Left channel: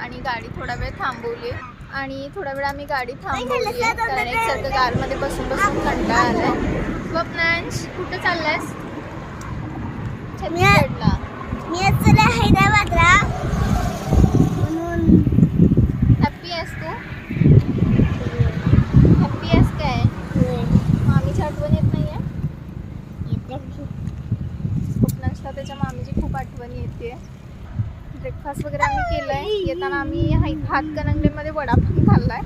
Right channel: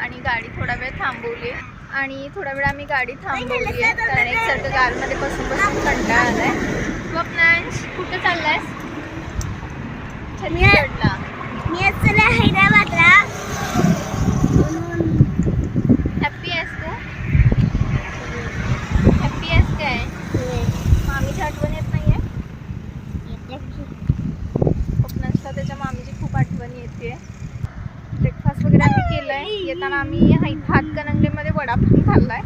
आणि गाडी थोडा वेळ थांबवली आणि थोडा वेळ आम्ही गाडी थांबवली आहे कारण एकसारखं कारमध्ये बसून बसून कंटाळा आलाय. स्वप्नांश कुठे चाललायस? छत्तीसगडला. मी चला हैदराबादला. हॅप्पी आहेस तू? हॅप्पी आहेस काय? मामीची आठवण येत नाहीये? स्वप्नांशला त्याच्या मामीची खूप आठवण येते. ब्रेकफास्ट वगैरे आम्ही केलंय. येताना आम्ही हातकणंगलेमध्ये वडापाव खाल्लाय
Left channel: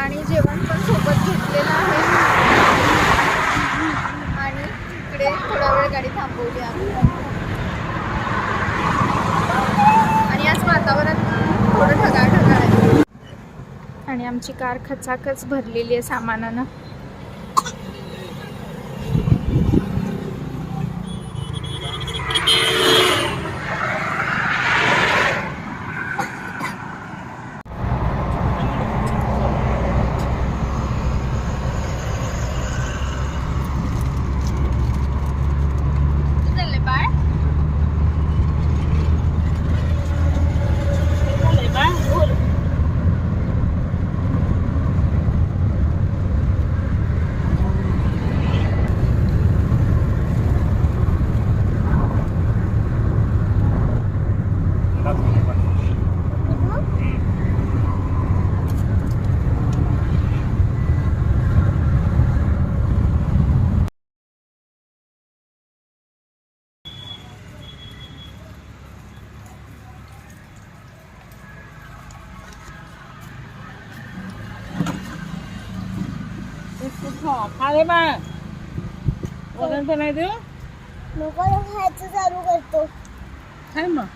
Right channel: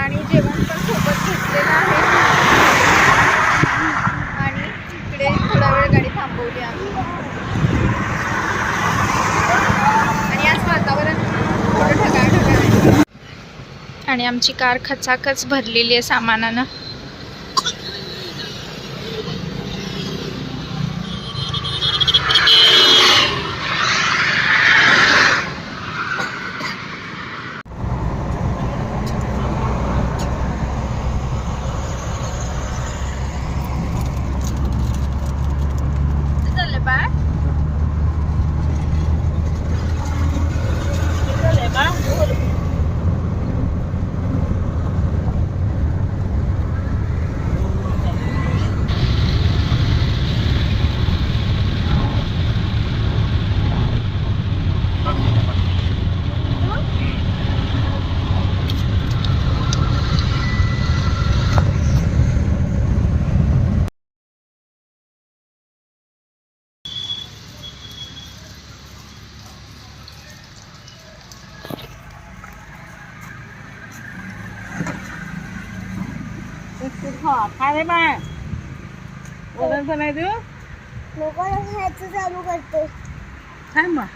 आणि जेवण पण सोबत घेतलेलं आहे आणि इकडे थोडा वेळ गाडी थांबवली आम्ही. आणि आज वातावरण थोडं ढगाळ आहे आणि आमची कार खचाखच भरलेली आहे सामानानं. खाले बा वजन पण आहे तू लोक खायचं चालू करतो. काय मग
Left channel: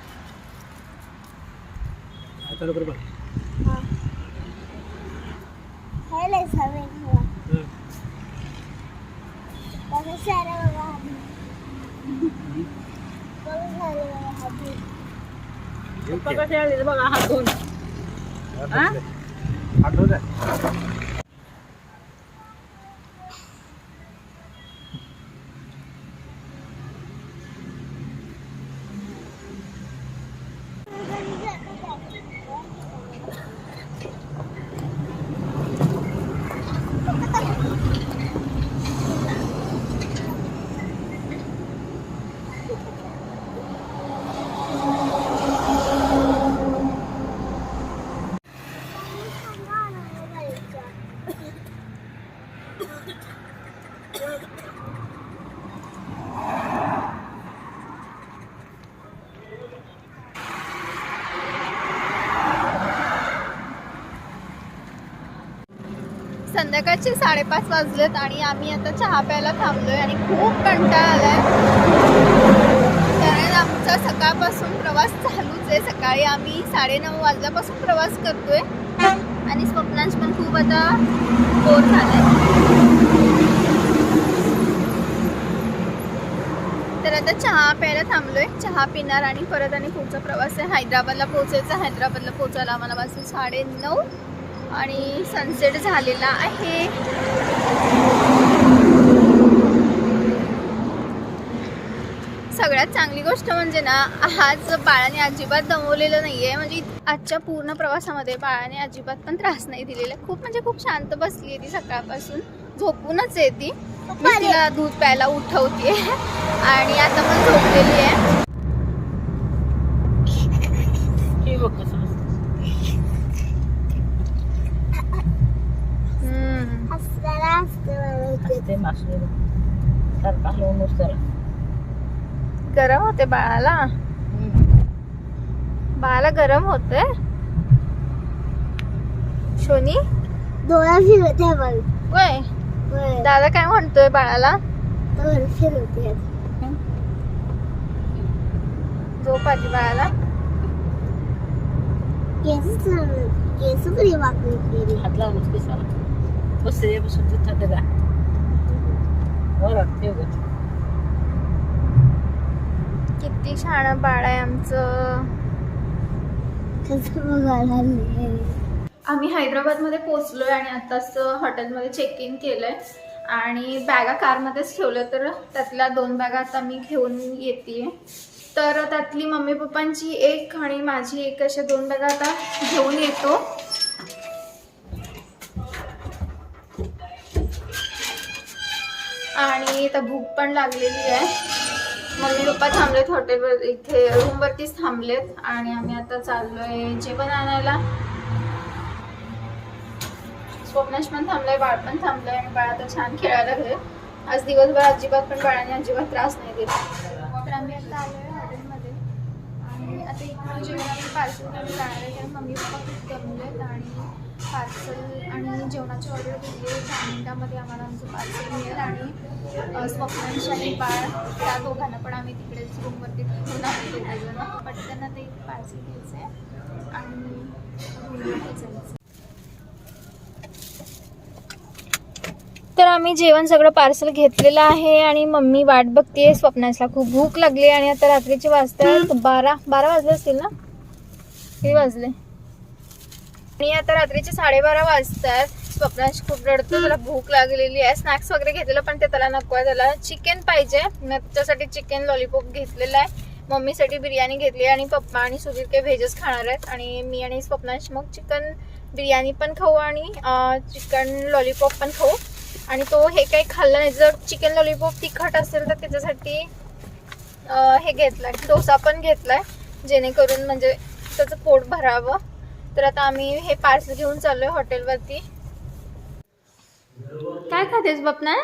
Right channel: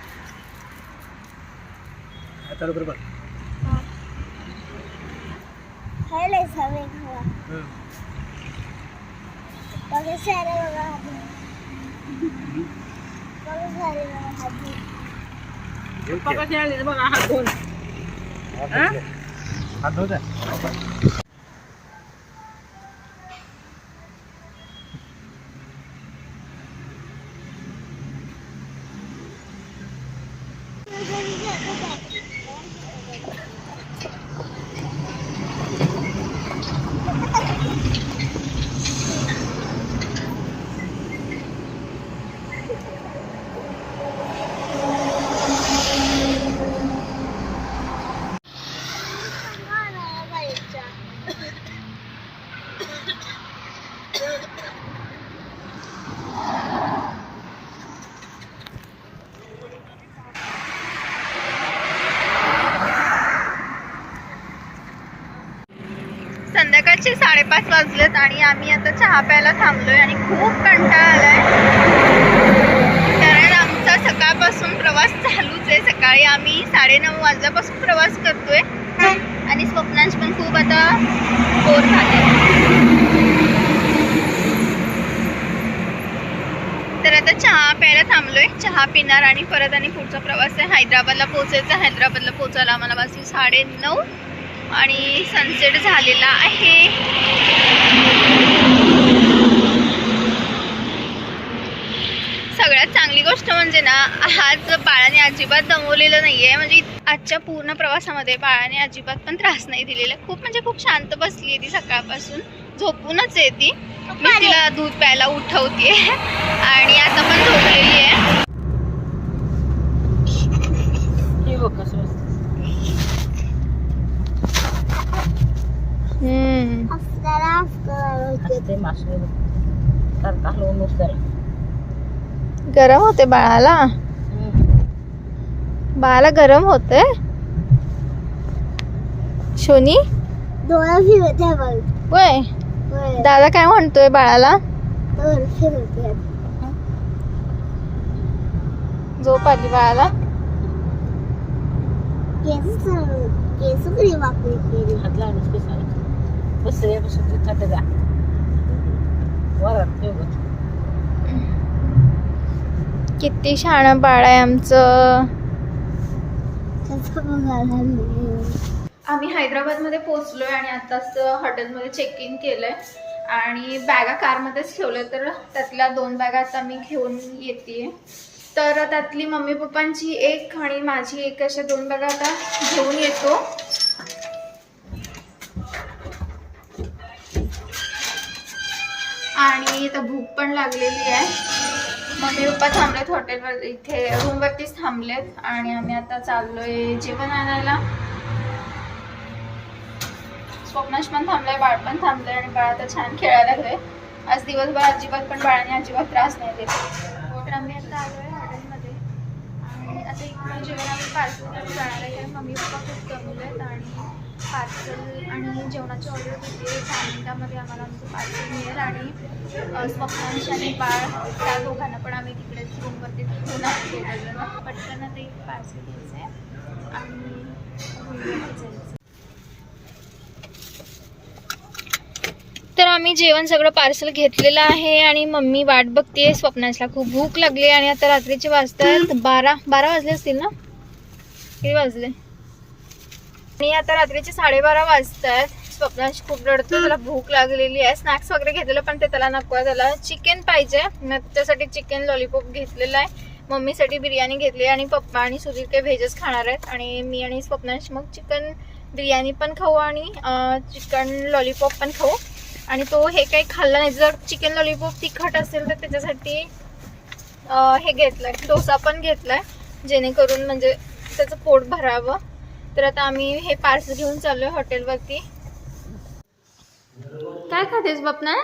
चालू कर बघ. खायला सवय खावा. बघा सारे बघा हात. बघा सारे बघा हात. पप्पा खेळले बघा हात धुवून. हात धुवून जा. संध्याकाळचे 5:30 वाजलेत आणि आम्ही आता चहा प्यायला थांबलोय आणि खूप कंटाळा आलाय कारण आमचा सकाळपासून प्रवास चालूच आहे. सकाळी आम्ही 9:30 वाजल्यापासून प्रवास करतोय आणि स्वप्नांश पण खूप आता बोर झाले. तर आता चहा प्यायला थांबलोय. चहा पिणार आणि परत आणि पुढचा प्रवास आहे हैदराबादला पोहोचायचा. हैदराबादला पोहोचायला आम्हाला वाजले 9:30 आणि सनसेट झालेला आहे. सगळ्यात चांगली गोष्ट म्हणजे ना आज बाळाने अजिबात दमवलेलं नाहीये. म्हणजे आजच्या पूर्ण प्रवासामध्ये बाळाने अजिबात पण त्रास नाही दिलेला. खूप म्हणजे खूप शांत बसली आहे ती. सकाळपासून झोपूनच आहे ती. मी तिला दूध प्यायला उठवते आणि आता पण झोपलेली आहे. गरम होते बाळाला. बाळाला गरम होते. शोनी डोळा फिरवते बघ. वय दादा काय म्हणतोय बाळाला? डोळा फिरवते. झोप आली बाळाला. केस बरी वाकडी केली. हात लावूनच केसाला बसले बसून तिथं का वरत ते बघ. किती शहाणं बाळ आहे आमचं. आम्ही हैदराबादमध्ये पोहोचलोय आणि आताच हॉटेलमध्ये चेक इन केलंय आणि बॅगा कारमध्येच ठेवल्या. तर त्यातल्या 2 बॅगा आता मी घेऊन येते तर त्यातली मम्मी पप्पांची एक आणि माझी एक अशा 2 बॅगा आता घेऊन येतो. आणि तर भूक पण लागलेली आहे. मम्मी पप्पा थांबलेत हॉटेलवर, इथे रूमवरतीच थांबलेत आणि आम्ही आता चाललोय जेवण आणायला. स्वप्नाश पण थांबलाय, बाळ पण थांबलंय आणि बाळ आता छान खेळायला लागले. आज दिवसभर अजिबात पण बाळाने अजिबात त्रास नाही देत. तर आम्ही आता आलोय हॉटेलमध्ये आणि आता इकडून जेवण आम्ही पार्सल घेऊन जाणार आहे, कारण मम्मी पप्पा खूप दमलेत आणि पार्सल आणि जेवणाची ऑर्डर दिली आहे. 10 मिनिटामध्ये आम्हाला आमचं पार्सल मिळेल आणि स्वप्नांश आणि बाळ त्या दोघांना पण आम्ही तिकडेच रूमवरती ठेवून आहोत. दोघंजण पटकन आता एक पार्सल घ्यायचं आहे आणि रूमवरती जायचं. तर आम्ही जेवण सगळं पार्सल घेतलेलं आहे आणि मम्मी वाट बघते. स्वप्नांशला खूप भूक लागली आणि आता रात्रीचे वाजतात 12 वाजले असतील ना, किती वाजले? आणि आता रात्रीचे 12:30 वाजतात. स्वप्नांश खूप रडतो, त्याला भूक लागलेली आहे. स्नॅक्स वगैरे घेतलेलं पण ते त्याला नको आहे, त्याला चिकन पाहिजे. त्याच्यासाठी चिकन लॉलीपॉप घेतलेला आहे. मम्मीसाठी बिर्याणी घेतली आणि पप्पा आणि सुधीर काही व्हेजच खाणार आहेत आणि मी आणि स्वप्नांश मग चिकन बिर्याणी पण खाऊ आणि चिकन लॉलीपॉप पण खाऊ. आणि तो हे काही खाल्ला नाही. जर चिकन लॉलीपॉप तिखट असेल तर त्याच्यासाठी हे घेतलंय, डोसा पण घेतलाय, जेणेकरून म्हणजे त्याचं पोट भरावं. तर आता आम्ही हे पार्सल घेऊन चाललोय हॉटेलवरती. काय खातेस बापना?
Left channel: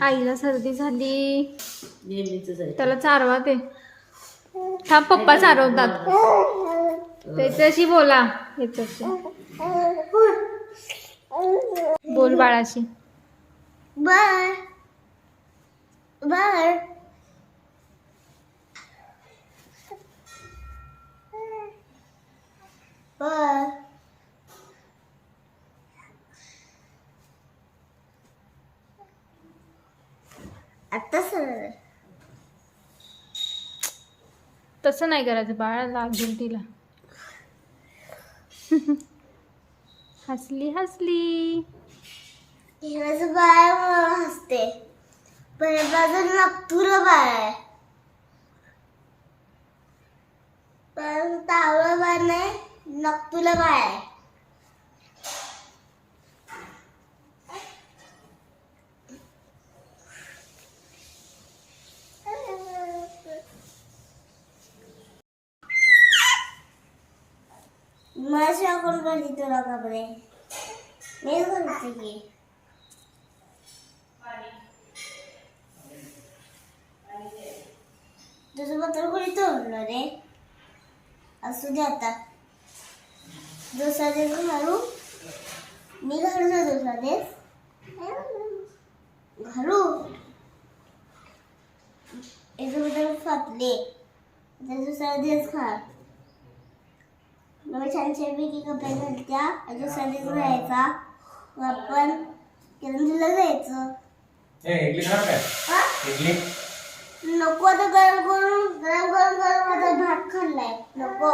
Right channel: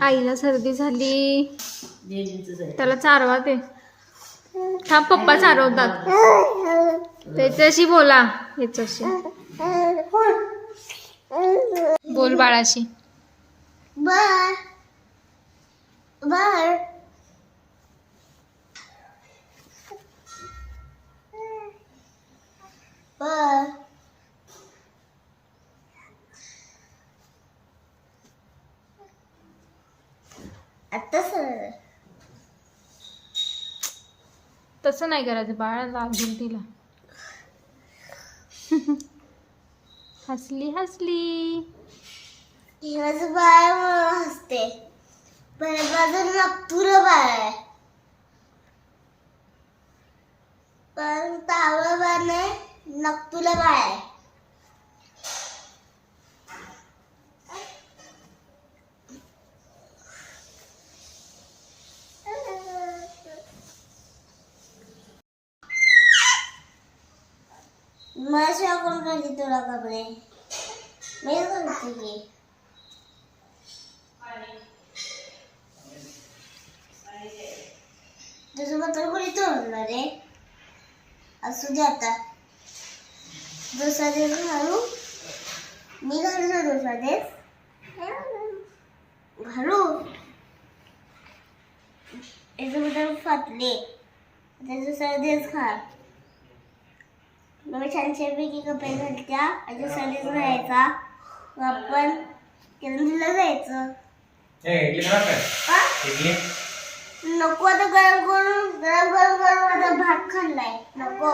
आईला सर्दी झाली, त्याला चारवा ते. थांब, पप्पा चारवतात. त्याच्याशी बोला, याच्याशी बोल बाळाशी. बर बर बर आता सर तसं नाही करायचं, बाळा लागेल तिला. हसली हसली. माझं बाळ हसते, पण माझं नकतुरं बाळ आहे. पण तावळं बाळ नाही, नकतुरं बाळ आहे. मला शिवाय कोण करते तुला कपडे? मी करते की. तुझं पत्र कोणी तोडलं रे? असू दे आता. दुसरा दिवस घालू, मी घालू का दुसरा दिवस? घालू. याचं पत्र फाटले, आता दुसरा दिवस घाल. मग छान छानपैकी कपडे घालत्या आणि दुसरा दिवस घालायचा. मग आपण किरणला जायचं. नको आता गरम गरम आता भात खाल्लाय. नको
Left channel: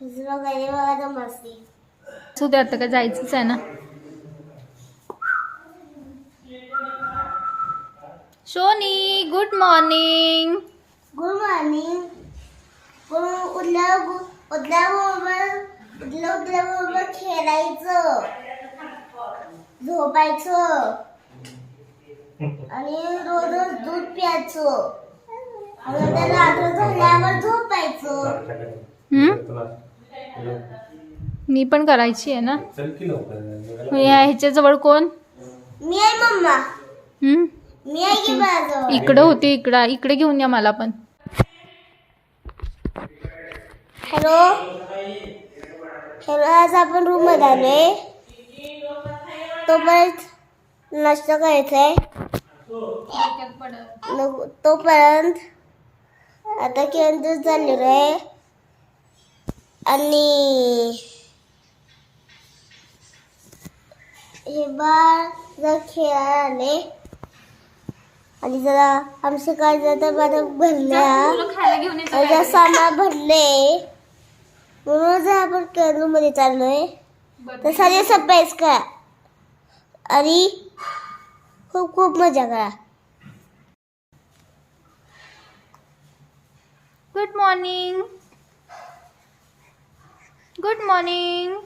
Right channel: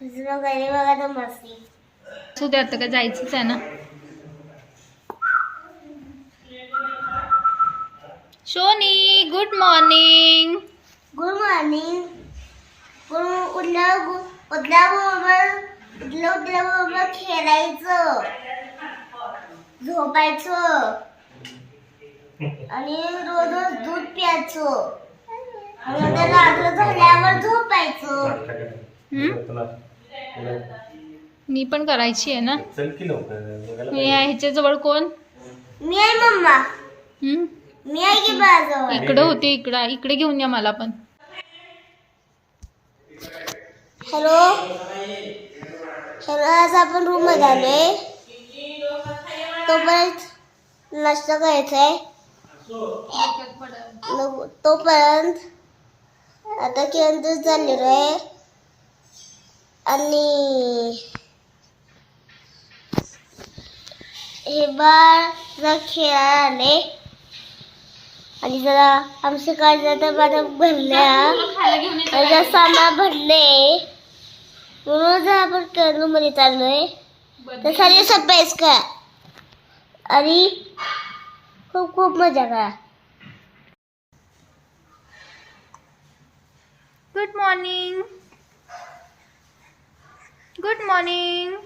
दुसरं काही बघा तर मस्ती. असू दे, आता काय जायचंच आहे ना. शोनी, गुड मॉर्निंग. Good morning. उठल्याबरोबर खेळायचं, झोपायचं आणि रोज दूध प्यायचं आणि नंतर रात्र झाल्यावर झोपायचं. मी पण करायची आहे ना. ह्याच्या जवळ कोण? मी आहे मम्मा. मी आहे की बाजू. इकडे होते, इकडे घेऊन या मला पण. हॅलो, आज आपण रूम मध्ये आलोय. तोपर्यंत नाश्ता करायचाय. तोपर्यंत आता किरण चाललेलो आहे आणि हे बाळ खेळायला आले आणि जरा आमच्या काळजात माझ्या भरल्या आणि सामान भरले म्हणून आपण रूम मध्ये चाललोय. तर सारे सरप्राईज करा आणि खूप खूप मजा करा. Good morning. Good morning.